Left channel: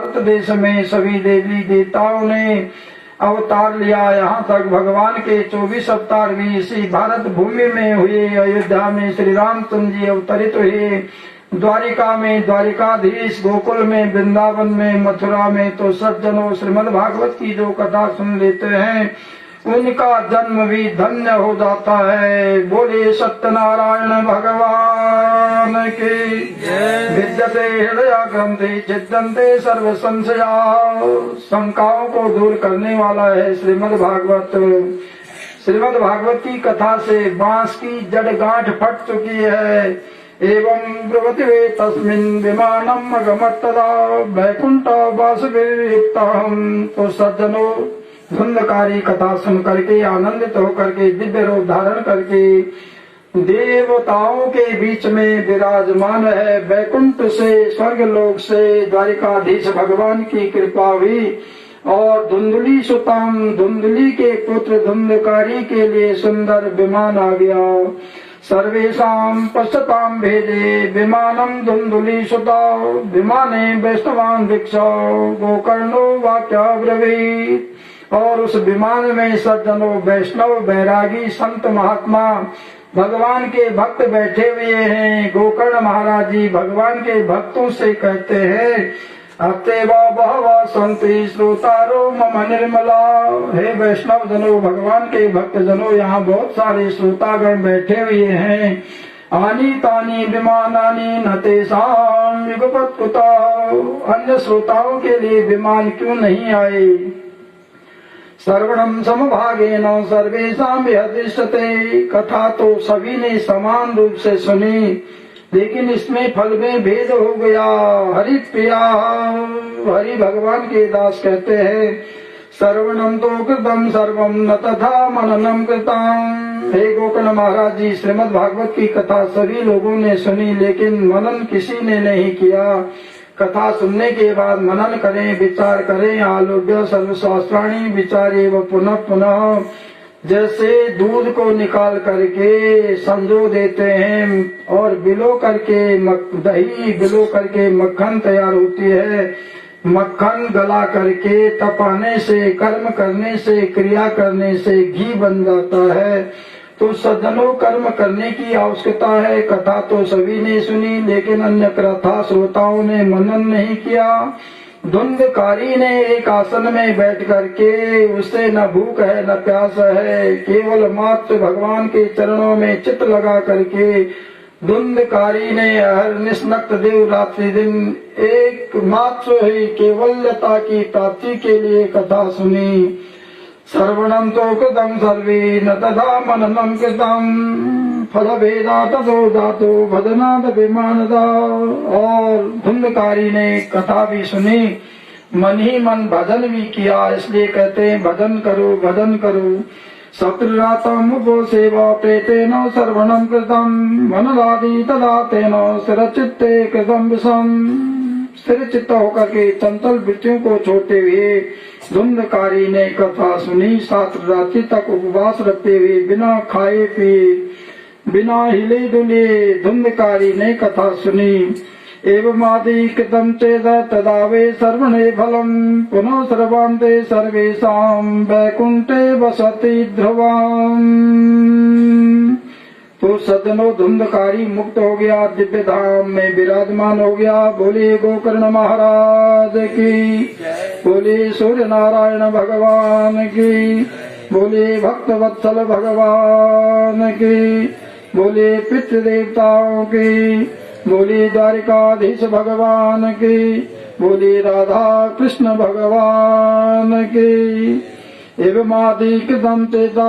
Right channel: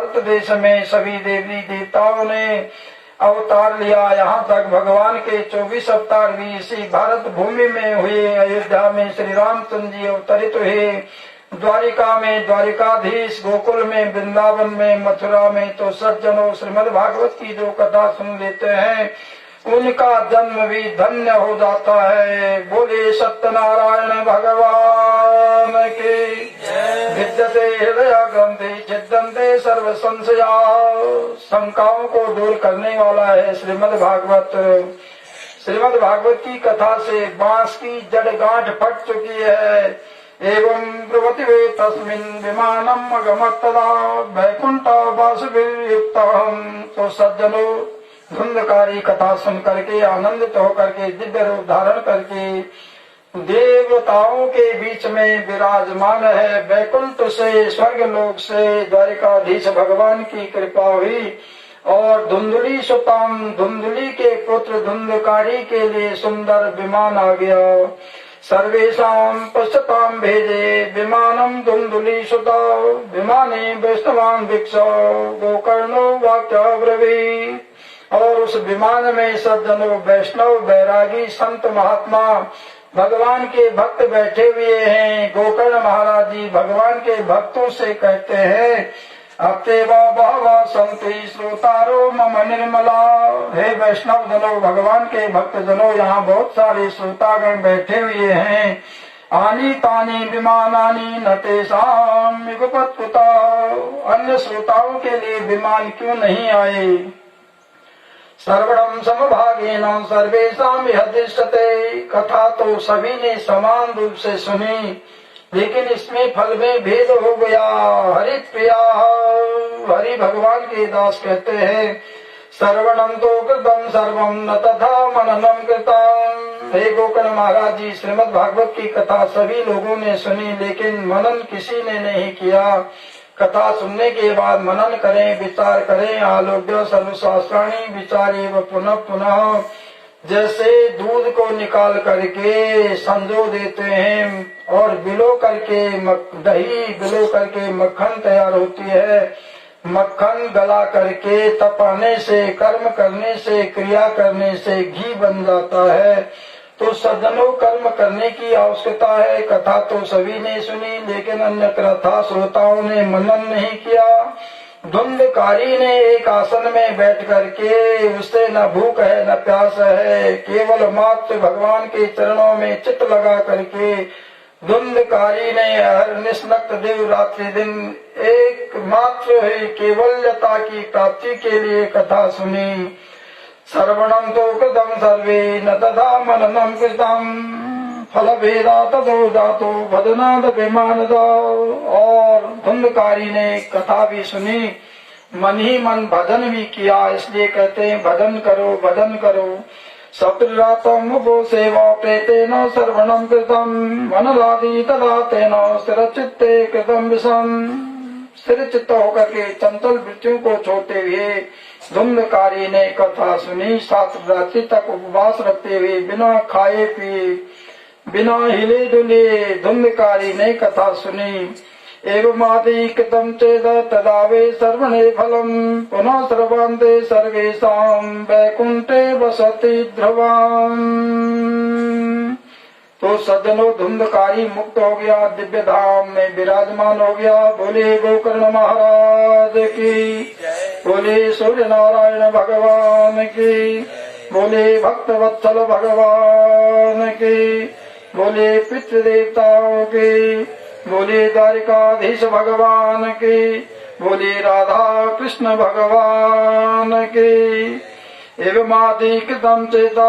भारत देश में सभी देवी देवताओं ने अवतार लिया। यहाँ तक भगवान के 24 अवतार भी इसी भारत भूमि में हुए। अयोध्या में श्री रामचंद्र जी अवतरित हुए, द्वारिका में द्वारिकाधीश, गोकुल में, वृंदावन में, मथुरा में। तो सज्जनों, श्रीमद् भागवत की जो कथा सुन लेते हैं उनका जन्म भी धन्य हो जाता है। बोले सत्यनारायण भगवान की विद्यते हृदय ग्रंथि छिद्यन्ते सर्व संशया। शंकाओं को दूर करने वाला है श्रीमद् भागवत। श्रीमद् भागवत की कथा से बांस की जड़ गांठ फट चुकी है। एवं ब्रुवति वे तस्मिन् विमानम अगमत् तदा वैकुंठ वासुदेवयुक्तम्। तो सज्जनों, धुंधकारी कथा सुन करके आनंदित होकर के दिव्य रूप धारण करके देवताओं के बीच में विराजमान है। वैकुंठ से, स्वर्ग लोक से द्वारिकाधीश भगवान की कृपा हुई और धुंधली सुतम, धुंधली के पुत्र धुंधकारी के लिए सुंदर विमान आ गया। सर्वेषां पश्यतां भेजे विमानम धुंधली सुता विमाने वैष्णवान् भिक्षो गोकर्णो वाक्याब्रवीत्। और उस विमान में सज्जनों, वैष्णव, बैरागी, संत, महात्मा, भगवान के भक्त बैठे हुए हैं। गोकर्ण महाराज जी भगवान के भक्तों से कहते हैं, अत्यवा बहवा संति श्रोतारो मम निर्मला। हे वैष्णव जनों, भगवान के भक्त जनों, यहाँ बहुत सारे श्रोतागण बैठे हुए हैं। आनी तानी विमानानी न तेषां युगपत्कुता। अन्य श्रोताओं के लिए विमान क्यों नहीं आए। सर्वणम समभागेन सर्वेषां विहदृश्यते। कथा तो सभी ने समान रूप से सुनी, लेकिन इसमें फल में भेद हो गया। हरि प्रिया, हरि भगवान के दास कहते हैं, श्रवणम तो कृतम सर्वम न तथा मननम कृतम। हे गोकर्ण महाराज जी, श्रीमद् भागवत की कथा सभी लोगों ने सुनी, लेकिन मनन किसी ने नहीं किया। कथा सुनने के बाद मनन करें, विचार करें। आलोक्य सर्वशास्त्राणी विचारे व पुनः पुनः। जैसे दूध को निकाल करके संजो देते हैं और बिलो करके दही बिलो करके मक्खन तैयार होती है। मक्खन गला करके तपाने से, कर्म करने से, क्रिया करने से घी बन जाता है। तो सज्जनों, कर्म करने की आवश्यकता है। कथा तो सभी ने सुनी, लेकिन अन्य कथा श्रोताओं ने मनन नहीं किया। धुंधकारी ने एक आसन में बैठ करके, उससे न भूख है न प्यास है, केवल मात्र भगवान के चरणों में चित्त लगा करके धुंधकारी ने अहर्निश नक्त देव रात्रि दिन एक मात्र ही केवलता की प्राप्ति के लिए कथा सुनी। श्रवणं तो कृतं सर्वे न तथा मननं कृतं फल भेदा तथो जातो भजनाद विमानदा। और धुंधकारी ने कथा भी सुनी, मन ही मन भजन भी किया। इसलिए कहते हैं, भजन करो, भजन करो। सप्तरातम उपो सेवा प्रेतेन श्रवणं कृतं मनलादि तदा तेन स्थिरचित्ते कृतं विषम। स्थिर चित्त होकर के चंचल वृत्तियों को छोड़ते हुए धुंधकारी ने कथा सुनी। 7 रात्रि तक उपवास रखते हुए बिना खाए पिए, बिना हिले डुले धुंधकारी ने कथा सुनी। एवं आदि कृतं चेद तदा वे सर्वणे फलम पुनः सर्वान्ते सर्वेषां वैकुंठे वसति ध्रुवम्। तो सज्जनों, धुंधकारी मुक्त हो गया, दिव्य धाम में विराजमान हो गया। बोले गोकर्ण महाराज की, बोले सूर्य नारायण भगवान की, बोले भक्त वत्सल भगवान की, बोले पितृ देवताओं की, बोले द्वारिकाधीश भगवान की, बोले राधा कृष्ण भगवान की। एवं आदि कृतं चेता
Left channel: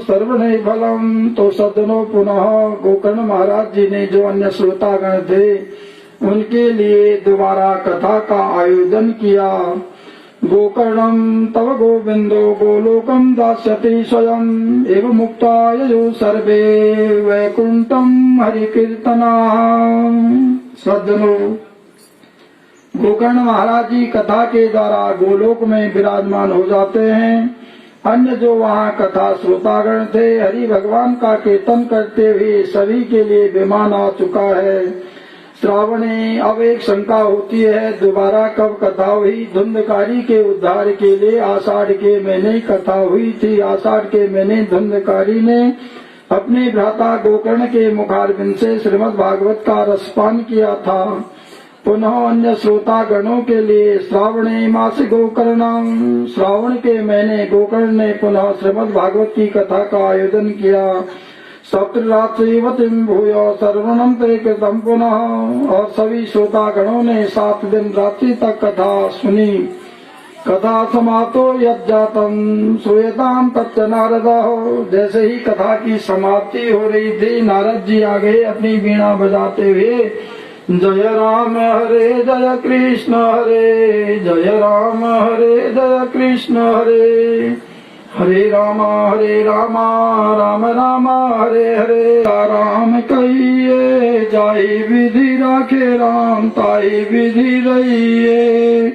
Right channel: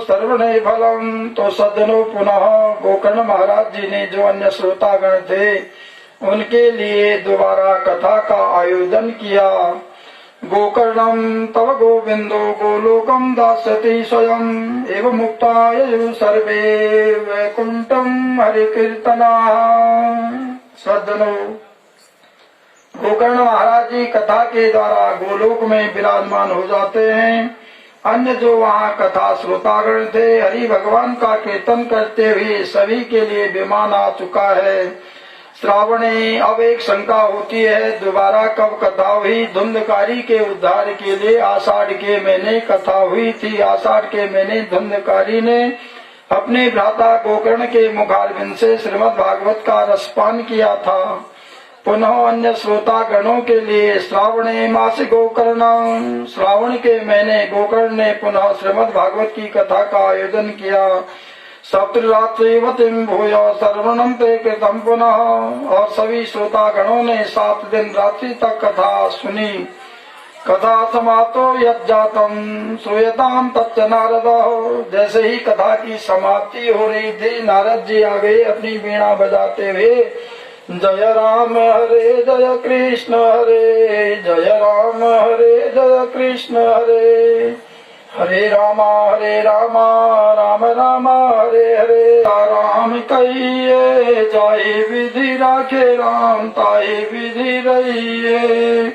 सर्वणे फलम। तो सज्जनों, पुनः गोकर्ण महाराज जी ने जो अन्य श्रोतागण थे उनके लिए दोबारा कथा का आयोजन किया। गोकर्णम तव गोविंदो गोलोकम दास्यति स्वयं एवं मुक्ता ययु सर्वे वैकुंठम हरि कीर्तना। सज्जनों, गोकर्ण महाराज जी कथा के द्वारा गोलोक में विराजमान हो जाते हैं। अन्य जो वहाँ कथा श्रोतागण थे, हरि भगवान का कीर्तन करते हुए सभी के लिए विमान आ चुका है। श्रावणे अब एक शंका होती है, दोबारा कब कथा हुई? धुंधकारी के उद्धार के लिए आषाढ़ के महीने कथा हुई थी। आषाढ़ के महीने धुंधकारी ने अपने भ्राता गोकर्ण के मुखारविंद से श्रीमद् भागवत का रसपान किया था। पुनः अन्य श्रोता गणों के लिए श्रावणे मास गोकर्ण, श्रावण के महीने गोकर्ण ने पुनः श्रीमद् भागवत की कथा का आयोजन किया। सप्तरात्रिवतीं भूय सर्वणं ते कृतं पुनः, और सभी श्रोता गणों ने 7 दिन रात्रि तक कथा सुनी। कथा समाप्तो यज्जातम श्रूयताम तच्च नारद, जैसे ही कथा की समाप्ति हो रही थी, नारद जी आ गए अपनी वीणा बजाते हुए। जय राम हरे जय कृष्ण हरे, जय राम हरे जय कृष्ण हरे, हरे राम राम राम हरे हरे। राम कहिए जाए विधि राखे राम, ताई विधि रहिए।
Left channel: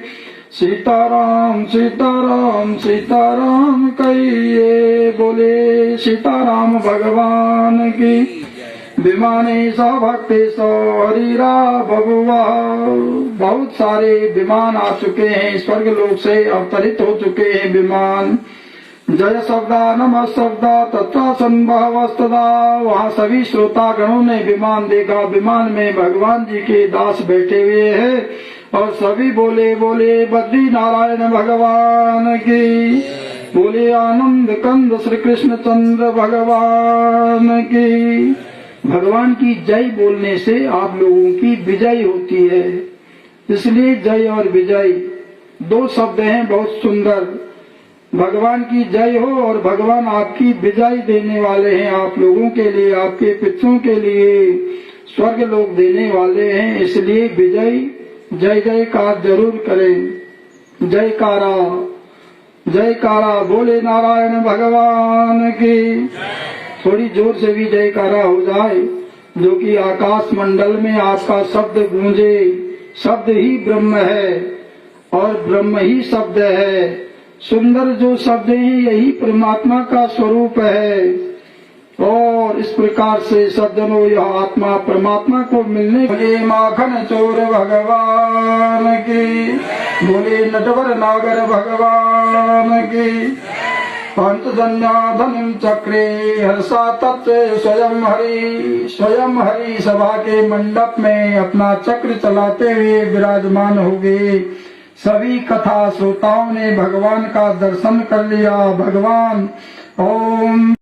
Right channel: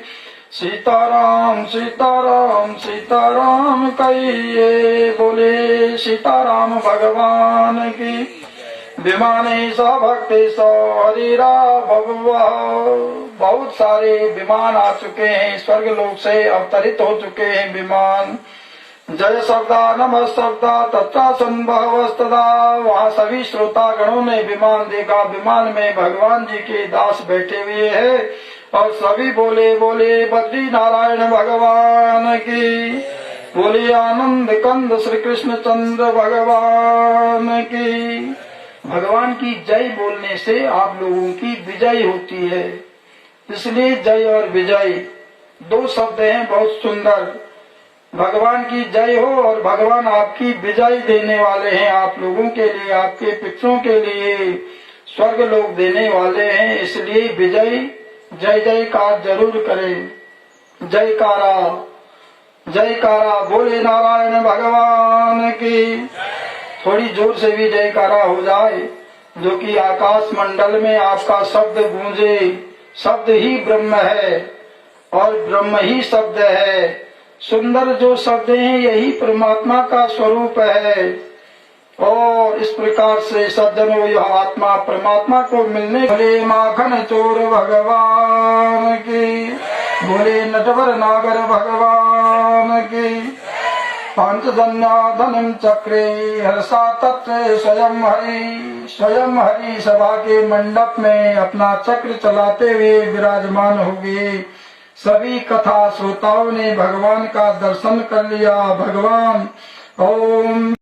सीताराम सीताराम सीताराम कहिए, बोले सीताराम भगवान की। विमाने सा भक्ति सो हरिरा बबुआ, बहुत सारे विमान आ चुके हैं, स्वर्ग लोक से अवतरित हो चुके हैं विमान। जय शब्दा नमः शब्दा तथा संभवस्तदा, वहाँ सभी श्रोता गणों ने विमान देखा। विमान में भगवान जी के दास बैठे हुए हैं और सभी बोले बोले बद्री नारायण भगवान की, बोले आनंद कंद श्री कृष्ण चंद्र भगवान की। भगवान की जय बोलने से आप लोगों की विजय होती है, इसलिए जय और विजय 2 शब्द हैं बहुत सुंदर। भगवान की जय हो और भगवान आपकी विजय देने वाले हैं, आप लोगों के लिए, आपके पितरों के लिए स्वर्ग लोक देने वाले हैं, इसलिए विजय जय जयकार जरूर करें। जयकारा जयकारा बोले नारायण भगवान की। थोड़ी जोर से भी जयकारा हो जाए, जो कि आकाश मंडल में आपका शब्द गूंजे। शब्द ही ब्रह्म है और ब्रह्म ही शब्द है। सुंदर जो शब्द हैं यही परमात्मा का स्वरूप है। और इस प्रकार से सज्जनों यह आत्मा परमात्मा को मिलने भले माखन चोर भगवान की, बोले नटवर नागर भगवान की। पंचजन्याधनम चक्रे हर्षा तत्व स्वयं हरि सभा के मंडप में अपना चक्र चलाते हुए विराजमान हो गए। सभी कथा श्रोताओं ने भगवान का दर्शन कर लिया। भगवान ओम